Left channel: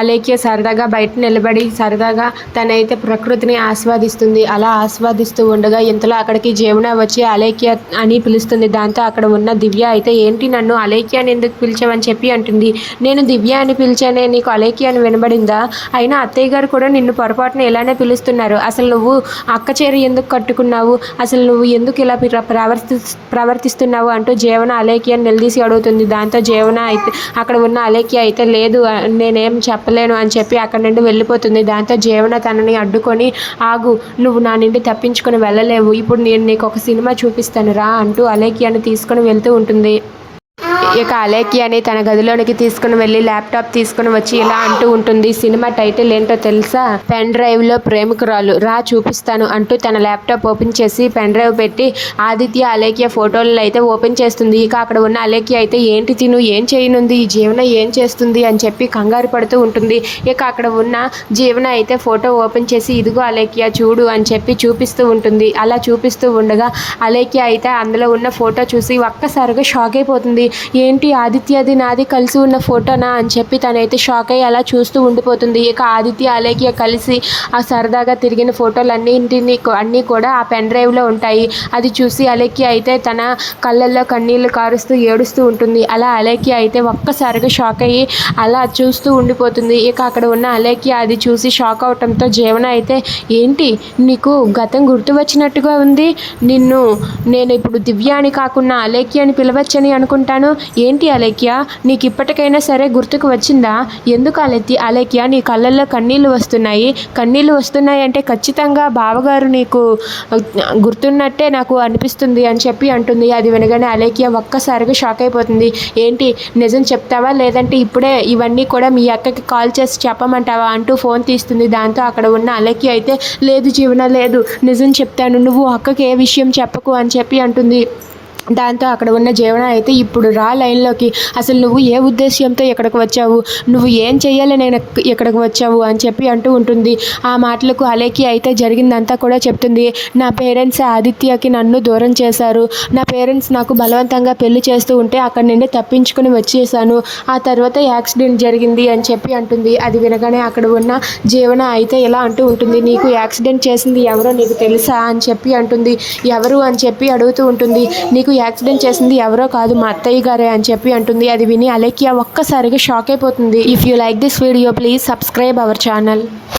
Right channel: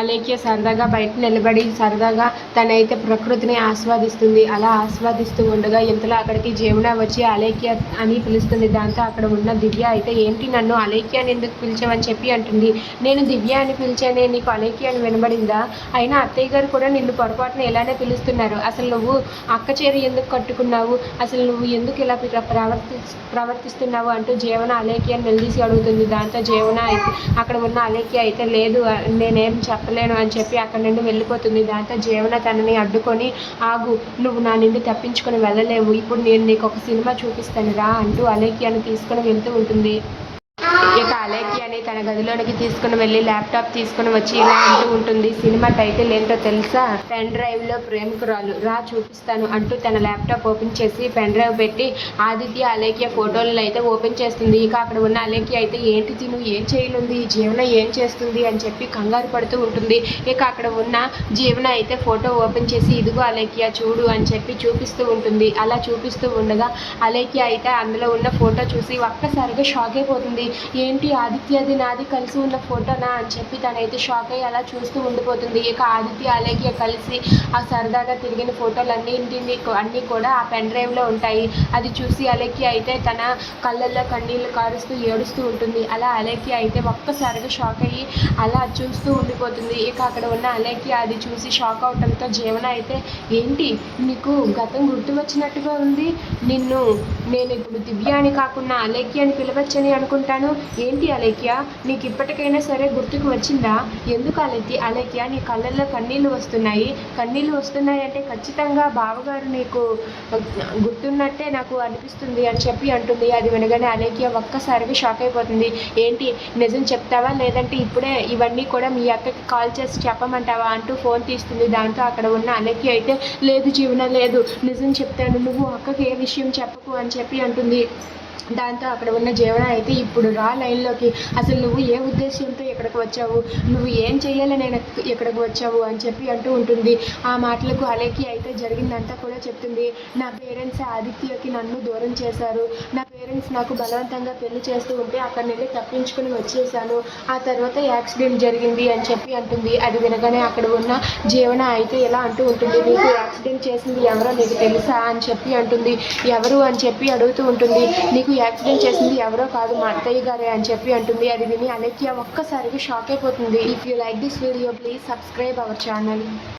అలేఖ్య సరదాగా బయట నిలబడి సరదాగా తనైతే ప్రకృతిని ఆస్వాదిస్తుంది. అలా ఆస్వాదిస్తూ ఉండగా ఇంతలో అక్కడికి జమున వచ్చి అలేఖ్య అని పిలుస్తుంది. దాంతో అక్కడ ఉన్న దివ్య అయితే ఏంటి నన్ను అలేఖ్య అని ఎందుకు పిలిచావని చెప్పి అంటుంది. నేను దివ్య అని పిలిచానే, నీకు అలేఖ్య అని వినబడిందా? అయినా అత్తయ్య గారు కూడా నిన్ను పొరపాటున ఇలానే పిలుస్తున్నారు. అసలు నువ్వు అక్క చీర ఎందుకు కట్టుకున్నావు? అసలు నువ్వు ఎందుకు ఇలా ప్రవర్తిస్తున్నావు అంటూ జమున అలేఖ్యని నిలదీసి అడుగుతుంది. దాంతో జమున అయితే అక్కడ ఉన్న అలేఖ్య అయితే లేదు నేనేం చెప్పలేను అని చెప్పి అక్కడి నుండి వెళ్ళిపోతుంది. దాంతో జమున తనని అడ్డుకొని ఆగు, నువ్వు నా నుండి తప్పించుకొని వెళ్ళలేవు, ఇప్పుడు నేను నీకు ఒక సినిమా చూపిస్తాను రా అంటూ అలేఖ్యని తీసుకొని వెళ్తూ ఉంటుంది. ఇక అలేఖ్యని తన గదిలోనికి తీసుకుని వెళ్ళి ల్యాప్టాప్ తీసుకుని వచ్చి ఇలా అంటూ ఉంటుంది. సినిమా టైటిల్ ఏంటో తెలుసా? పెన్ డ్రైవ్ లో ప్రేమికురాలు రా చూపిస్తాను అంటూ తన ల్యాప్టాప్ ఓపెన్ చేసి పెన్ డ్రైవ్ పెట్టి ఆదిత్య అలేఖ్య ఫోటోలను అయితే ఓపెన్ చేస్తుంది. ఇక అక్కడ ఉన్న అలేఖ్య అయితే ఏంటి తిను ఏం చేయనుంది, ఈ జీవన ఏం చేస్తుంది అని చెప్పి కంగారు పడుతూ ఉంటుంది. ఇక అక్కడ ఉన్న జీవన అయితే ఫోటో ఓపెన్ చేసి ఇదిగో అలేఖ్య చూడు అని చెప్పి చూపిస్తూ ఉంటుంది. అలా చూపిస్తూ ఉండగా అలేఖ్య అయితే అందులో ఉన్న ఫోటో చూసి ఒక్కసారిగా షాక్ అయిపోతుంది. ఏంటి ఆదిత్యది నాది కలిసి ఉన్న ఫోటోనా అని చెప్పి తనైతే షాక్ అయ్యి అలా చూస్తూ ఉండిపోతుంది. ఇక ఆదిత్య అలేఖ్య కలిసి ఆ సరదాగా తిరిగిన ఫోటోలు అన్నీ కూడా ఆ పెన్ డ్రైవ్లో ఉంటాయి. అది చూసి అలేఖ్య అయితే తన కళ్ళల్లో కన్నీళ్లు కారుస్తూ ఏడుస్తూ ఉంటుంది. అలా అలేఖ్య అయితే ఒక్కసారిగా షాక్ అయ్యి అలా చూస్తూ ఉండిపోతుంది. ఇక అక్కడ ఉన్న అలేఖ్య అది చూసి షాక్ అవటంతో జమున అయితే ఏంటి నీకు గతం గుర్తు వచ్చినట్టుగా ఉంది, నేను ఇప్పుడు దివ్య అని కాకుండా అలేఖ్య అని పిలవచ్చని అనుకుంటాను, ఏంటి అలేఖ్య నీకు ఇప్పటికైనా సరే గుర్తుకు వచ్చిందా? ఎందుకు అలేఖ్య నీ కళ్ళల్లో కన్నీళ్ళు వస్తున్నాయి అంటే ఖచ్చితంగా బావగారు నీకు గుర్తున్నట్టే నాకు అనిపిస్తుంది అని చెప్పి అంటుంది. అది వినగానే అలేఖ్య ఒక్కసారిగా షాక్ అయిపోతుంది. ఏంటి నిజం చెప్తావా లేదంటే ఇప్పుడే ఇవన్నీ కూడా మీ అక్కకి కాల్ చేసి చెప్పమంటావా అంటూ ఫోన్ తీస్తుంది. దాంతో అక్కడ ఉన్న అలేఖ్య అయితే లేదు జీవన లేదు, నిజం చెప్తాను, నువ్వు అక్కకి ఏ విషయం చెప్పకు అని చెప్పి అంటుంది. దాంతో అక్కడ ఉన్న జమున అయితే ఇప్పుడు రా లైన్లోకి, అసలు నువ్వు ఏ ఉద్దేశ్యంతో ఇక్కడికి వచ్చావు, నువ్వు ఏం చెయ్యాలి నేను ఇక్కడికి వచ్చావు అని చెప్పి అంటూ ఉంటుంది. ఆ మాటలకు అలేఖ్య అయితే జరిగిందంతా కూడా చెప్తుంది. నా పేరెంట్స్ ఆదిత్యకి నన్ను దూరం చేశారు, నా పేరెంట్స్ నాకు బలవంతంగా పెళ్లి చేస్తూ ఉంటే అక్కడి నుండి తప్పించుకుని వచ్చేసాను, ఆ తర్వాత యాక్సిడెంట్ జరిగింది అని చెప్పి అంటుంది. అది వినగానే అక్కడ ఉన్న జమున అయితే ఇలా అంటూ ఉంటుంది. నీకు యాక్సిడెంట్ చేసింది ఎవరో నీకు తెలుసా అని చెప్పి అంటుంది. ఎవరు అని చెప్పి అడుగుతూ ఉంటుంది. నీకు యాక్సిడెంట్ చేసింది ఎవరో కాదు మా అత్తయ్య గారే అని చెప్పి అంటుంది. అది విని అలేఖ్య ఒక్కసారిగా షాక్ అయిపోతుంది. If you like this video please subscribe our channel.